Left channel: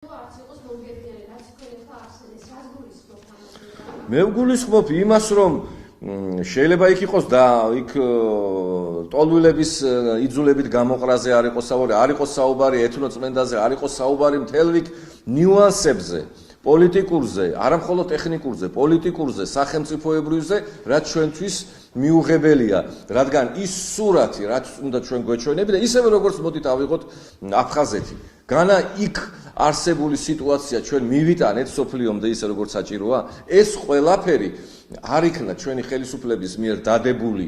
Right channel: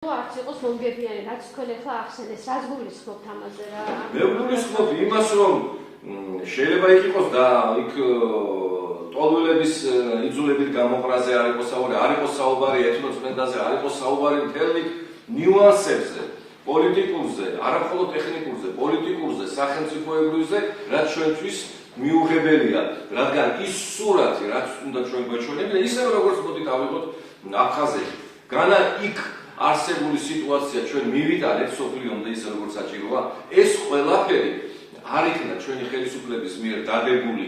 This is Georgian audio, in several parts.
არც იყოს მომგებიანი, რაც თქვენ ახლა ახსენეს, რას გულისხმობთ ამაზე რა? მე ვგულისხმობ იმას, რომ შეიძლება იქ იყოს და იქ ტოლვილების იძულებით გამოყრაზე არ იყოს საუბარი, არ იყოს საუბარი ეთნოწმენდაზე, არ იყოს საუბარი მთელ რიგ ნიუანსებზე, პოლიტიკურზე, არა მხოლოდ ტექნიკურზე, პოლიტიკურზე, სახელმწიფოებრივზე, რაც ჩვენთვის მიუღებელია, რადგან ის სურათი, რაც უნდა ჩვენ გვეჩვენებინა, ისევე როგორც მოდით ავიღოთ აფხაზეთი. განა იქ არსებული სიტუაცია ჩვენ მივიტანეთ სოფლიომდე ისე როგორც საჭიროა, ეს ყველაფერი არ იქნა ჩვენი ხელისუფლების მიერ დადებული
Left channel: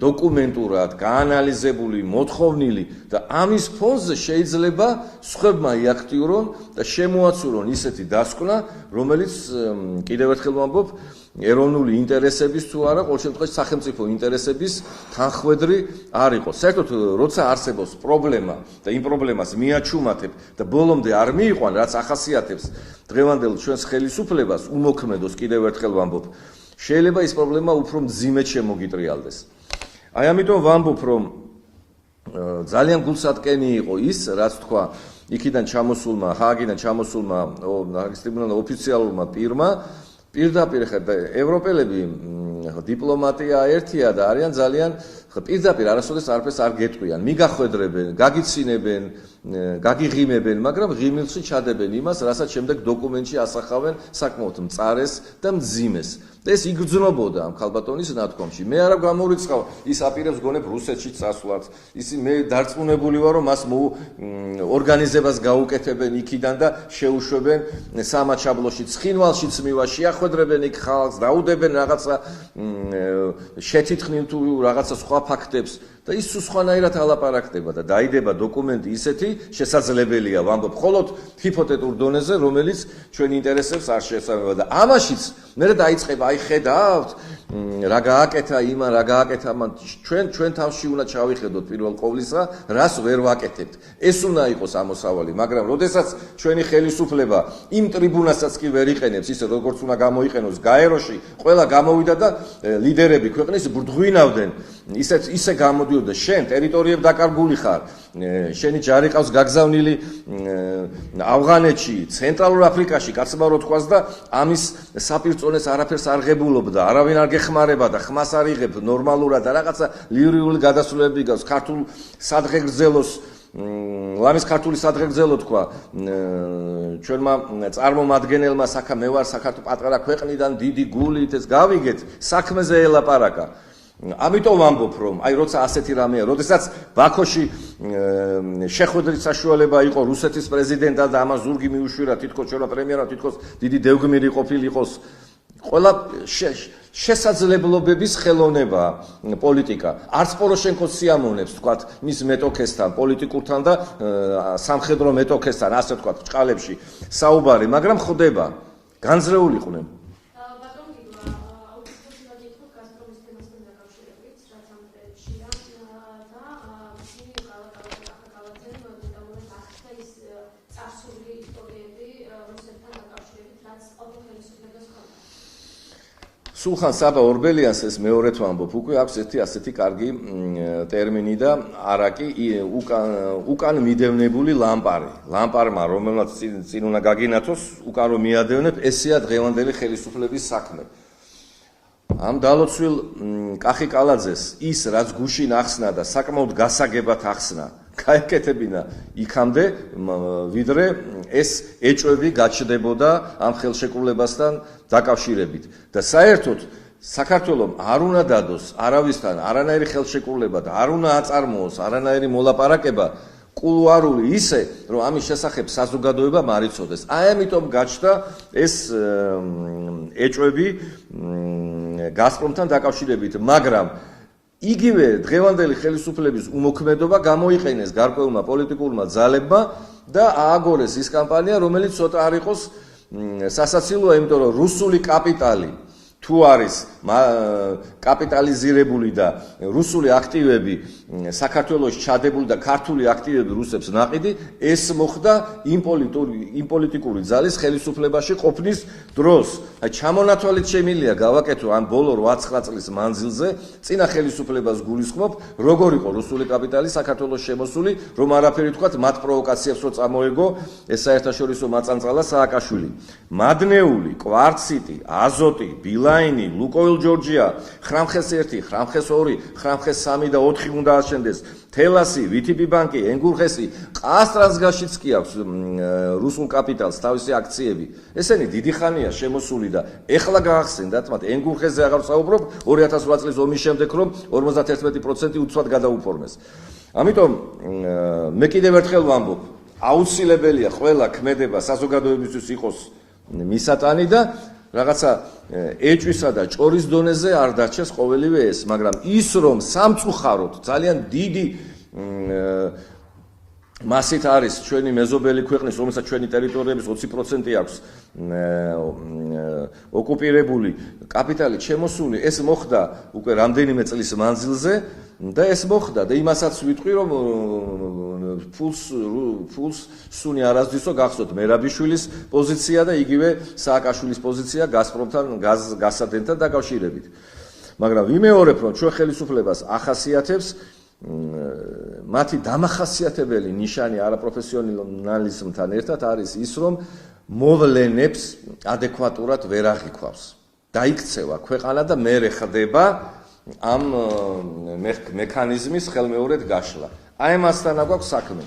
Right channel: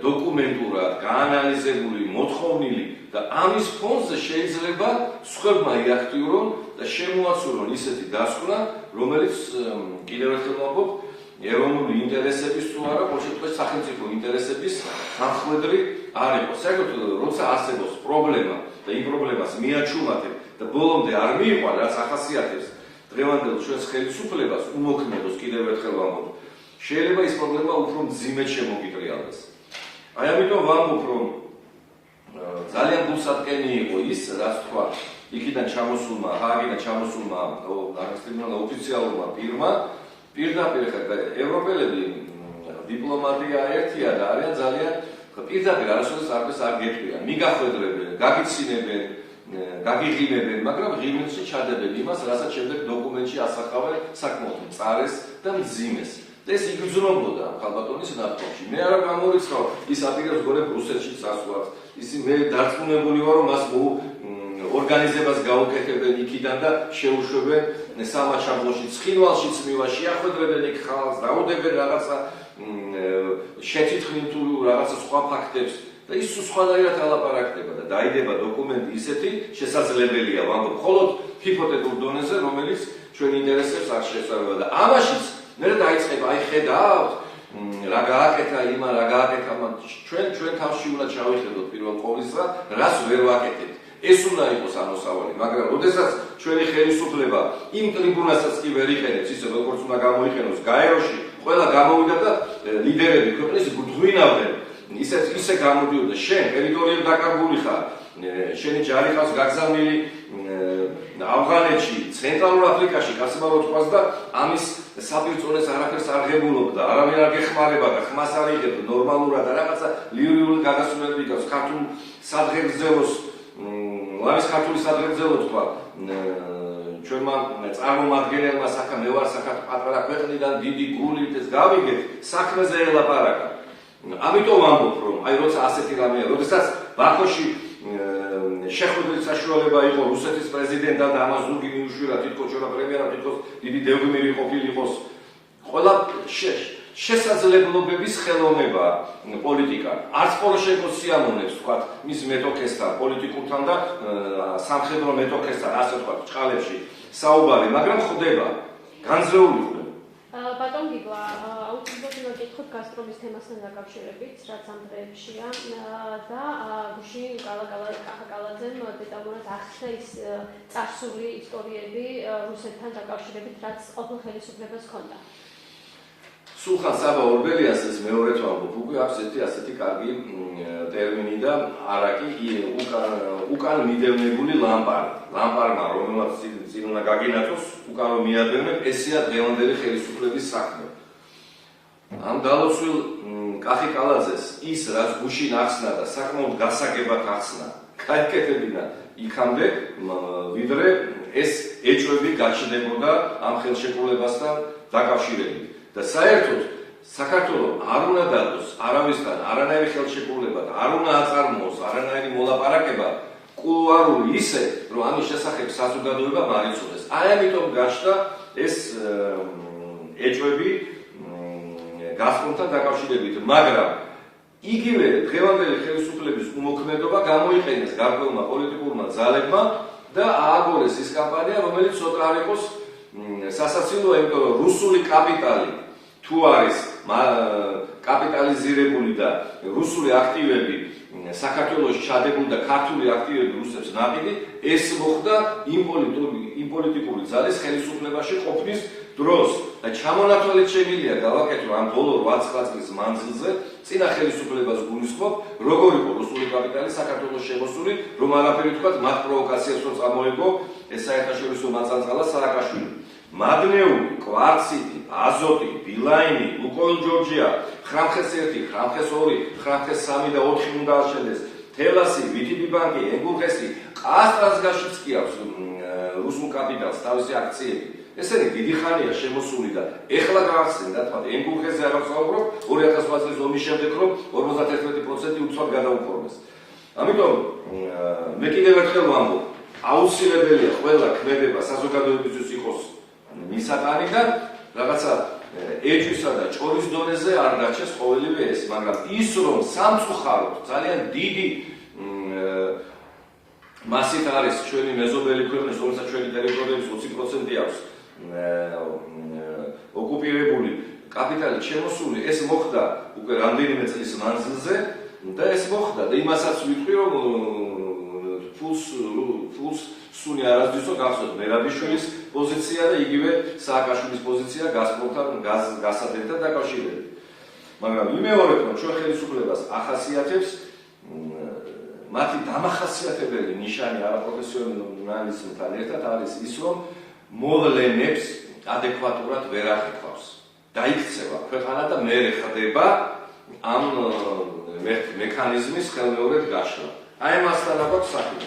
დოკუმენტურად, გაანალიზებული, მოთხოვნილი და ამის ფონზე შეიძლება სხვებმა იაქტიურონ და შემოაცურონ ისეთი დასკვნა, რომელიც კიდევ ერთხელ ვამბობ, ეროვნული ინტერესების თუ არა, ყოველ შემთხვევაში სახელმწიფო ინტერესების თანხმედრი არ იყოს. საერთოდ, როცა არსებობს პრობლემა და იმ პრობლემას მიაჩუმათებ და ბოლომდე არ მიიყვან, რაც ახასიათებს დღევანდელ ჩვენს ხელისუფლებას, უმოქმედოს კიდევ ერთხელ ვამბობ, შეიძლება ის პრობლემა უფრო მძიმედ შემოგიტრიალდეს. აი ამიტომ ვამბობ, რომ ძალიან გულსატკენი იყო ის, რაც თქვა იქიდან ჩამოსულმა, ჰააგიდან ჩამოსულმა ოფიციალურმა პირმა, პირდაპირ ევროპელები დიპლომატია ერთია და არიან ძალიან პირდაპირ არასოდეს არაფერს არ გეტყვიან, მიგახვედრებენ, გაგიცინებენ, გაგიღიმებენ, მაგრამ ღიმილში ჩადებენ იმას, რასაც შემდეგ დოკუმენტში ასახავენ საკმაოდ მწარეს და მძიმეს. ეს იგრძნობოდა ამ ხალბატონის ნათქვამში. მე არა გამორიცხავ, ის აპირებს გონებ რუსეთშიც წასვლას. ისი მე დარწმუნებული ვარ, რომ მას ორგანიზებას გაუკეთებენ იქიდან და შეუშვებენ სამაჩაბლოში, ცხინვალშიც მივა, შეახვედრებენ იქ ხალხს, დაუდებენ რაღაცა შეთითხმინ თუ რაღაცა სხვა ფაქტებს. და ის სხვანაირად ალაპარაკდება და დაიდება დოკუმენტი ისეთი შესაძლებელია, ვამბობ, მხოლოდ ჰიპოთეტურ დონეზე, რომელიც ჩვენ ინტერესებს არ შეესაბამება და ამაშიც მე დაიწყება, აი ხედავთ, რა გააკეთა იმა, რა გააკეთა ამ ჩვენ თავში უნდა ჩავიხედოთ პირველ ყოვლისა, რას ვერ ვაკეთებთ. ეს უნდა იყოს ამოსავალი, მაგრამ როდესაც ჩვენი ხელისუფლება იმ ტრიბუნასაც კი ვერ იყენებს, ისე როგორც უნდა გამოიყენოს გაეროში, ყველა გამოვიდა და ლიდერები ქვეყნის ბრდღვინავდნენ. ისე გამოდიოდა, შენ ტერიტორიები დაკარგული ხარ, შენი ჯარი ყავს გაგზავნილი ავღანეთში, ცენტრალურ აფრიკაში, კაცმა რო თქვას და ამის საპირწონეს არაფერს არ ღებულობდა, არავინ არ გეხმარება და ხმას არ იღებ ნორმალურად და რაღაცა ლირიული გადასვლებები გავს, ქართულ სადღეგრძელოს ლამის ქართული სადღეგრძელო თქვა ჩვენმა წარმომადგენელმა მე ვარ საქართველოს პატარა ქვეყნიდან დიდი გულით ეს გავიგეთ, საქმეზე ელაპარაკა. ამიტომ ვამბობ, რომ აი როცა ასეთი რამეა, როდესაც ბაქოში შეხვედრის საშუალება იყო რუსეთის პრეზიდენტთან და ამას ზურგი მიუშვირა, თითქოს ჩვენმა პრემიერამ თითქოს დიდი დევგმირი ყოფილიყოს, ყველა შესაძლებლობების ხელოვნება პოლიტიკა. არც პოროშენკოს სიამოვნებს, თქვათ, მის მეტოქესთან, პოლიტიკურთან და სამხედრო მეტოქესთან, ასე თქვათ, ჭყალებში საუბარი, მაგრამ ხდება, განზრეული ხდება. ბატონ გიგლა, აუცილებლად მეკითხოთ გაზპრომის თემასთან დაკავშირებით, რაც ამ დღეებშია და გუშინ კახაკალაძემ დეტალურად ახსნა ის წარსული ისტორიები რუსეთთან დაკავშირებით, რაც ყოფილ ხელისუფლებას ჰქონდა. სულხან საბა ორბელიანს ეს მეორედ ვამბობ, უკვე აქვს ასეთი კარგი ტერმინი და არაკი უკან მიდევნებული ლამპარი. ლამპარმა, რომელსაც წინ უნდა გაგინათოს, უკან რომ მიადევნებ, ესეა დღევანდელი ხელისუფლების საქმე. ამ დალოცვილ კახიკალაძეს ის, რაც გუშინ ახსნა და საკმაოდ გასაგებად ახსნა, გაეკეთებინა იქამდე, ვიდრე ეს ეჭვები გაჩნდებოდა ამ ხელშეკრულებასთან დაკავშირებით. და საერთოდ საქართველოს არ უნდა დადოს არავისთან არანაირი ხელშეკრულება და არ უნდა აწარმოოს არანაირი მოლაპარაკება კულუარული ისე, რომ ამის შესახებ საზოგადოებამ არ იცოდეს. აი ამიტომ გაჩნდა ეს ეჭვები გაზპრომთან დაკავშირებით, მაგრამ იგივე დღევანდელი ხელისუფლების უმოქმედობა გამოიყენეს გარკვეულმა პოლიტიკურმა ძალებმა და ააგორეს ის კამპანია, რომელიც ცოტა არ იყოს სასაცილოა, იმიტომ რომ რუსული კაპიტალი თუ არის კაპიტალიზირებული და რუსული აქტივები საქართველოს ჩადებული და ქართული აქტივები რუსებს ნაყიდი, ეს მოხდა იმ პოლიტიკური ძალის ხელისუფლებაში ყოფნის დროს. ჩამონათვალით შემიძლია გავაკეთო ამ ბოლო 8-9 წლის მანძილზე წინა ხელისუფლებას გულისხმობ, როგორ იყო რუსული კაპიტალი საქართველოს შემოსული, რომ არაფერი თქვათ მათ პროვოკაციებს რო წამოიღო ეს საერთაშორისო მაწანწალა სააკაშვილი. მადნეული, კვარციტი, აზოტი, ბილაინი, ლუკოილ ჯორჯია, ხრამხეს 1, ხრამხეს 2, ხრამხეს 3 და 4 უნდა აშენდეს. თელასი, VTB ბანკი, ენგურხესი, ყასტრაზგაშიც კი აქვს რუსულ კაპიტალს თავისი აქციები. ესენი დიდი ხანია შემოსული და ეხლა გაახსენდათ, მათ ენგურხესზე აღარ ვსაუბრობ 2008 წლის ომის შემდეგ, რომ 51% უცბად გადაუფორმეს. ამიტომ მე კიდევ ერთხელ ვამბობ, აუცილებელია ყველა ქმედება საზოგადოებისთვის იყოს მისატანი და რაღაცა ეჭვისა და ჭორის დონეზე არ დარჩეს ყოველივე ეს, მაგრამ ის რომ სამწუხაროდ ძალიან დიდი მასით არის ჩვენი მეზობელი ქვეყნის, რომელსაც ჩვენი ტერიტორიების 20% აქვს ოკუპირებული კაპიტალი შემოსული, ეს მოხდა უკვე რამდენიმე წლის მანძილზე და ეს მოხდა და იმასაც ვიტყვი, რომ ფულს სუნი არასდროსო გახსოვთ მერაბიშვილის პოზიცია და იგივე სააკაშვილის პოზიცია გაზპრომთან გასადენთან დაკავშირებით. მაგრამ ვიმეორებ, რომ ჩვენ ხელისუფლებას ახასიათებს მათი დამახასიათებელი ნიშანი არაპროფესიონალიზმთან ერთად არის ის, რომ მოვლენებს ადეკვატურად ვერ აღიქვავს. დაიქცევა ქვეყანა და მერე ხდება ამ მექანიზმის ხელმეორედ გაშლა. აი ამასთან აქვს საქმე.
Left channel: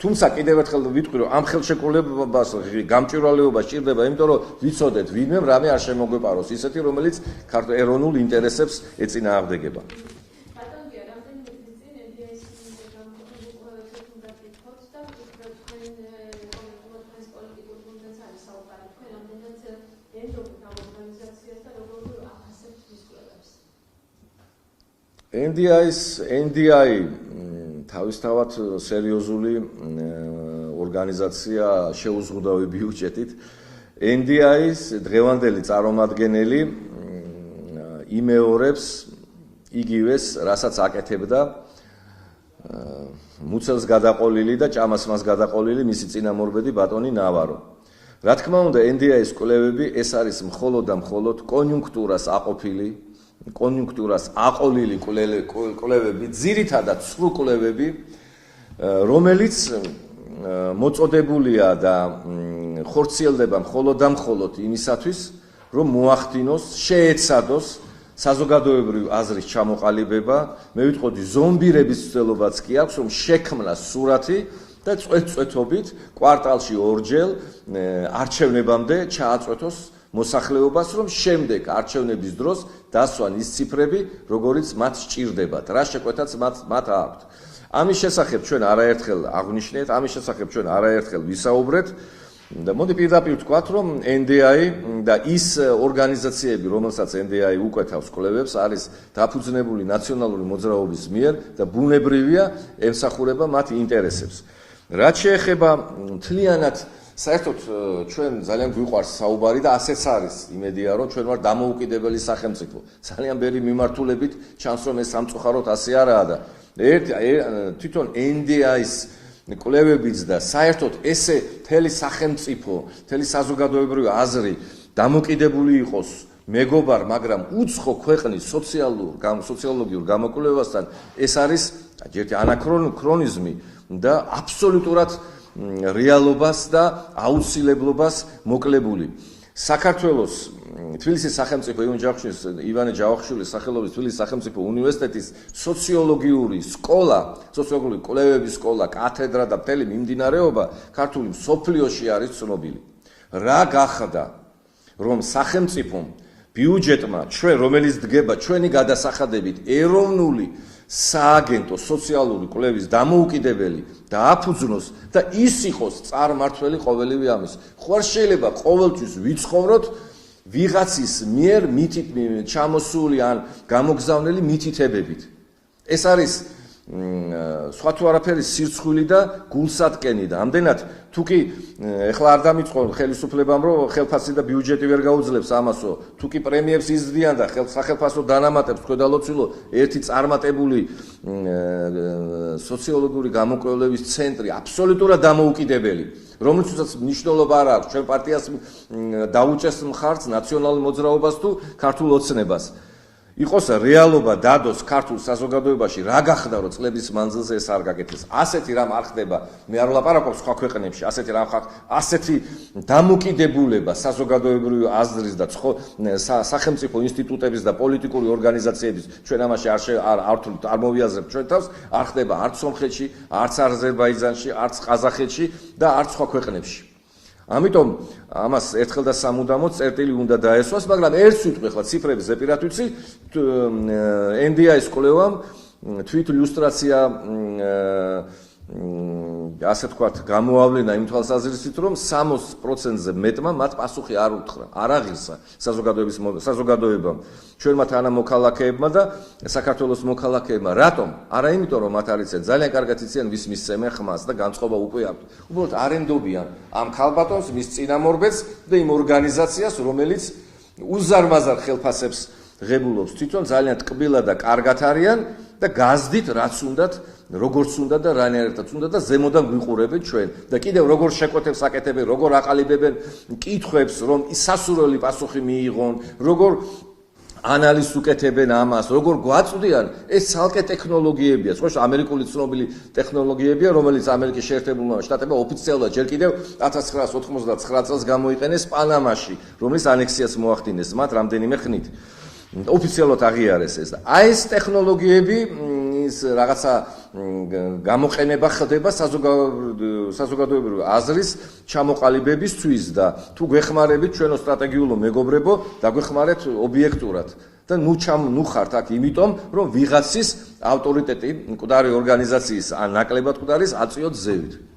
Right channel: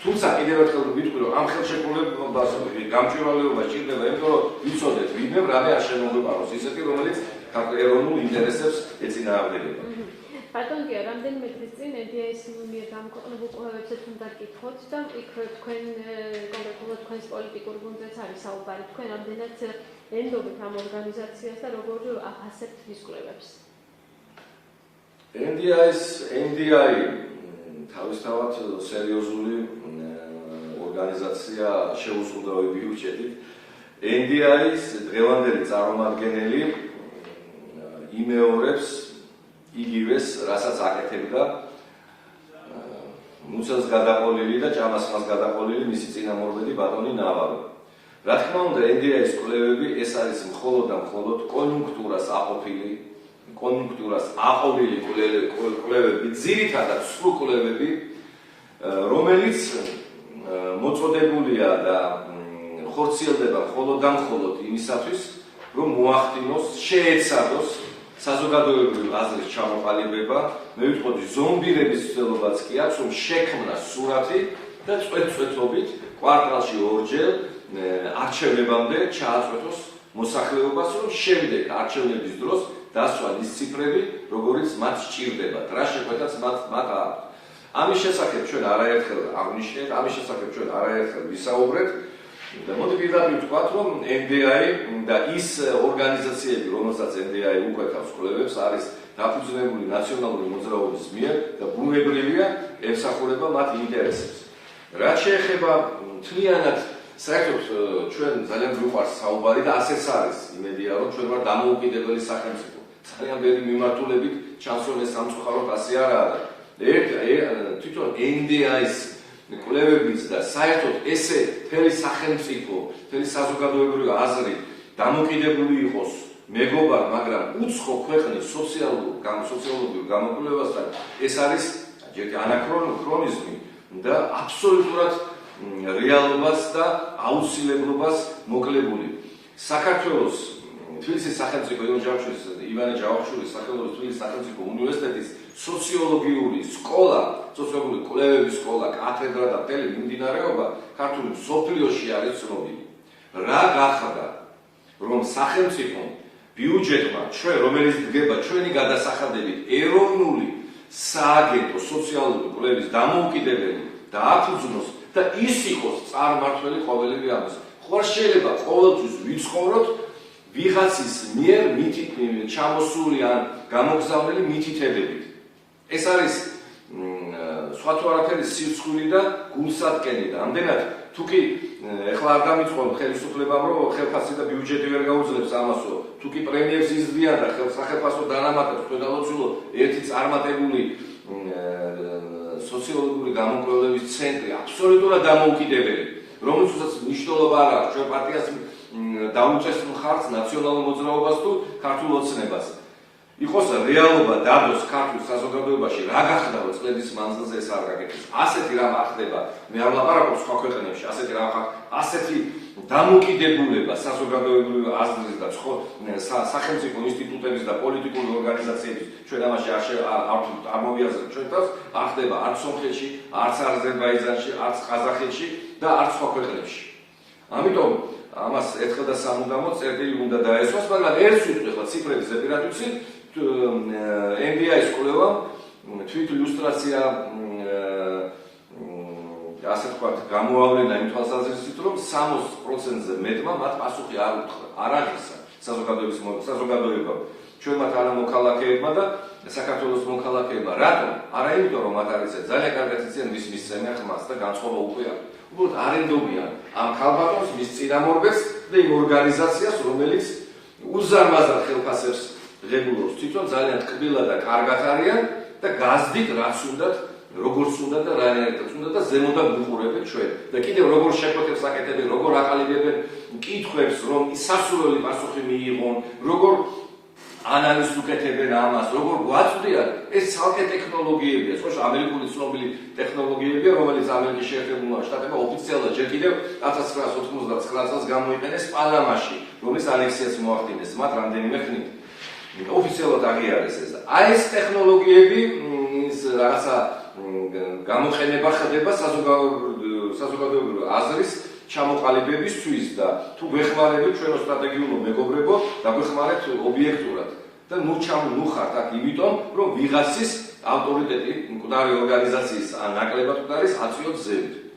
თუმცა კიდევ ერთხელ ვიტყვი, რომ ამ ხელშეკრულებას გამჭვირვალეობა სჭირდება, იმიტომ რომ ვიცოდეთ, ვინმე რამე არ შემოგვეპაროს, ისეთი, რომელიც ეროვნულ ინტერესებს ეწინააღმდეგება. ბატონ გია, რამდენიმე დღის წინ EDIS მიერ გამოქვეყნებულ კვლევებსაც უნდა გითხოთ და იქ თქვენ კონკრეტულად თქვენს პოლიტიკურ გუნდს არის საუბარი, თქვენ რამდენად ენდობთ ამ ორგანიზაციას და როგორ ახასებთ ის კვლევებს? NDI თავისთავად სერიოზული ორგანიზაცია შეუზღუდავი ბიუჯეტით. NDI-ის დღევანდელი წარმომადგენელი იმეორებს იგივეს, რასაც აკეთებდა მუცელს გადაყოლილი და ჭამას მას გადაყოლილი მისი წინამორბედი ბატონი ნავარო. რა თქმა უნდა, NDI-ის კვლევები ეს არის მხოლოდ და მხოლოდ კონიუნქტურას აყოლილი კვლევები, ძირითადად სრულ კვლევები, რომელიც მოწოდებულია და ხორციელდება მხოლოდ და მხოლოდ იმისათვის, რომ მოახდინოს, შეეცადოს საზოგადოებრივი აზრის ჩამოყალიბება, მე ვიტყოდი ზომბირების ცდილობაც კი აქვს, რომ შექმნას სურათი და წვეთ-წვეთობით კვარტალში ორჯერ არჩევნებამდე ჩააწვეთოს მოსახლეობას, რომ შემდეგ არჩევნების დროს დასვან ის ციფრები, როგორიც მათ სჭირდებათ, რა შეკვეთაც მათ აქვთ. ამის შესახებ ჩვენ არაერთხელ აღვნიშნეთ, ამის შესახებ ჩვენ არაერთხელ ვისაუბრეთ და მოდი პირდაპირ ვთქვათ, რომ NDI და ის ორგანიზაციები, რომელსაც NDI უკვეთავს კვლევებს, არის დაფუძნებული ნაციონალური მოძრაობის მიერ და ბუნებრივია ემსახურება მათ ინტერესებს. რაც შეეხება მთლიანად საერთოდ ჩვენ ძალიან გვიყვარს საუბარი და ასეც არის იმედია, რომ ჩვენ ვარ დამოუკიდებელი სახელმწიფო. ძალიან ბევრი მიმართულებით ჩანს, რომ ეს სამწუხაროდ ასე არაა და თვითონ NDI-ის კვლევებიც და საერთოდ ესე მთელი სახელმწიფო, მთელი საზოგადოებრივი აზრი დამოკიდებული იყოს მეგობარ, მაგრამ უცხო ქვეყნის სოციოლოგიურ გამოკვლევასთან, ეს არის ერთი ანაქრონიზმი და აბსოლუტურად რეალობას და აუცილებლობას მოკლებული. საქართველოს თბილისის სახელმწიფო ივანე ჯავახიშვილის სახელობის თბილისის სახელმწიფო უნივერსიტეტის სოციოლოგიური სკოლა, სოციოლოგიური კვლევების სკოლა, კათედრა და მთელი მიმდინარეობა ქართული მსოფლიოში არის ცნობილი. რა გახდა, რომ სახელმწიფომ ბიუჯეტმა ჩვენ, რომელიც დგება ჩვენი გადასახადებით ეროვნული სააგენტო სოციალური კვლევის დამოუკიდებელი დააფუძნოს და ის იყოს წარმმართველი ყოველივე ამის. ხო არ შეიძლება ყოველთვის ვიცხოვროთ ვიღაცის მიერ ჩამოსული ან გამოგზავნილი მითითებებით. ეს არის სხვა თუ არაფერი სირცხვილი და გულსატკენი და ამდენად თუკი ეხლა არ დამიწყო ხელისუფლებამ რომ ხელფასი და ბიუჯეტი ვერ გაუძლებს ამასო, თუკი პრემიებს იზრდიან და სახელმწიფო დანამატებს ქვედალოცვილო ერთი წარმატებული სოციოლოგიური გამოკვლევის ცენტრი აბსოლუტურად დამოუკიდებელი, რომელსაც მნიშვნელობა არ აქვს ჩვენ პარტიას დაუჭეს მხარს ნაციონალურ მოძრაობას თუ ქართულ ოცნებას. იყოს რეალობა დადოს ქართულ საზოგადოებაში რა გახდა რომ წლების მანძილზე ეს არ გაკეთეს. ასეთი რამ ახდება, მე არ ვლაპარაკობ სხვა ქვეყნებში, ასეთი დამოკიდებულება საზოგადოებრივი აზრის და სახელმწიფო ინსტიტუტების და პოლიტიკური ორგანიზაციების ჩვენ ამაში არ მოვიაზრებთ ჩვენ თავს, არ ხდება არც სომხეთში, არც აზერბაიჯანში, არც ყაზახეთში და არც სხვა ქვეყნებში. ამიტომ ამას ერთხელ და სამუდამოდ წერტილი უნდა დაესვას, მაგრამ ერთს ვიტყვი ახლა ციფრების ზეპირად ვიცი, NDI-ის კვლევამ თვით ილუსტრაცია ასე თქვათ გამოავლენა იმ თვალსაზრისით, რომ 60%-ზე მეტმა მათ პასუხი არ უთხრა, არ აღისა საზოგადოებამ, ჩვენმა თანამოქალაქეებმა და საქართველოს მოქალაქეებმა. რატომ? არა იმიტომ, რომ მათ არ იციან, ძალიან კარგად იციან ვის მისცემენ ხმას და განწყობა უკვე აქვს. უბრალოდ არ ენდობიან ამ ქალბატონს, მის წინამორბედს და იმ ორგანიზაციას, რომელიც უზარმაზარ ხელფასებს ღებულობს. თვითონ ძალიან ტკბილად და კარგად არიან და გაზდით რაც უნდათ, როგორც უნდა და რანაირადაც უნდა და ზემოდან გვიყურებენ ჩვენ. და კიდევ როგორ შეკვეთებს აკეთებენ, როგორ აყალიბებენ კითხვებს, რომ სასურველი პასუხი მიიღონ, როგორ ანალიზს უკეთებენ ამას, როგორ გვაწვდიან, ეს ცალკე ტექნოლოგიებია, სხვა ამერიკული ცნობილი ტექნოლოგიებია, რომელიც ამერიკის შეერთებულმა შტატებმა ოფიციალურად ჯერ კიდევ 1999 წელს გამოიყენეს პანამაში, რომლის ანექსიას მოახდინეს მათ რამდენიმე ხნით. ოფიციალურად აღიარეს ეს. აი ეს ტექნოლოგიები ის რაღაცა გამოყენება ხდება საზოგადოებრივი აზრის ჩამოყალიბებისთვის და თუ გვეხმარებით ჩვენო სტრატეგიულო მეგობრებო და გვეხმარეთ ობიექტურად და ნუ ხართ აქ იმიტომ რომ ვიღაცის ავტორიტეტი მკვდარი ორგანიზაციის ან ნაკლებად მკვდარის აწიოთ ზევით.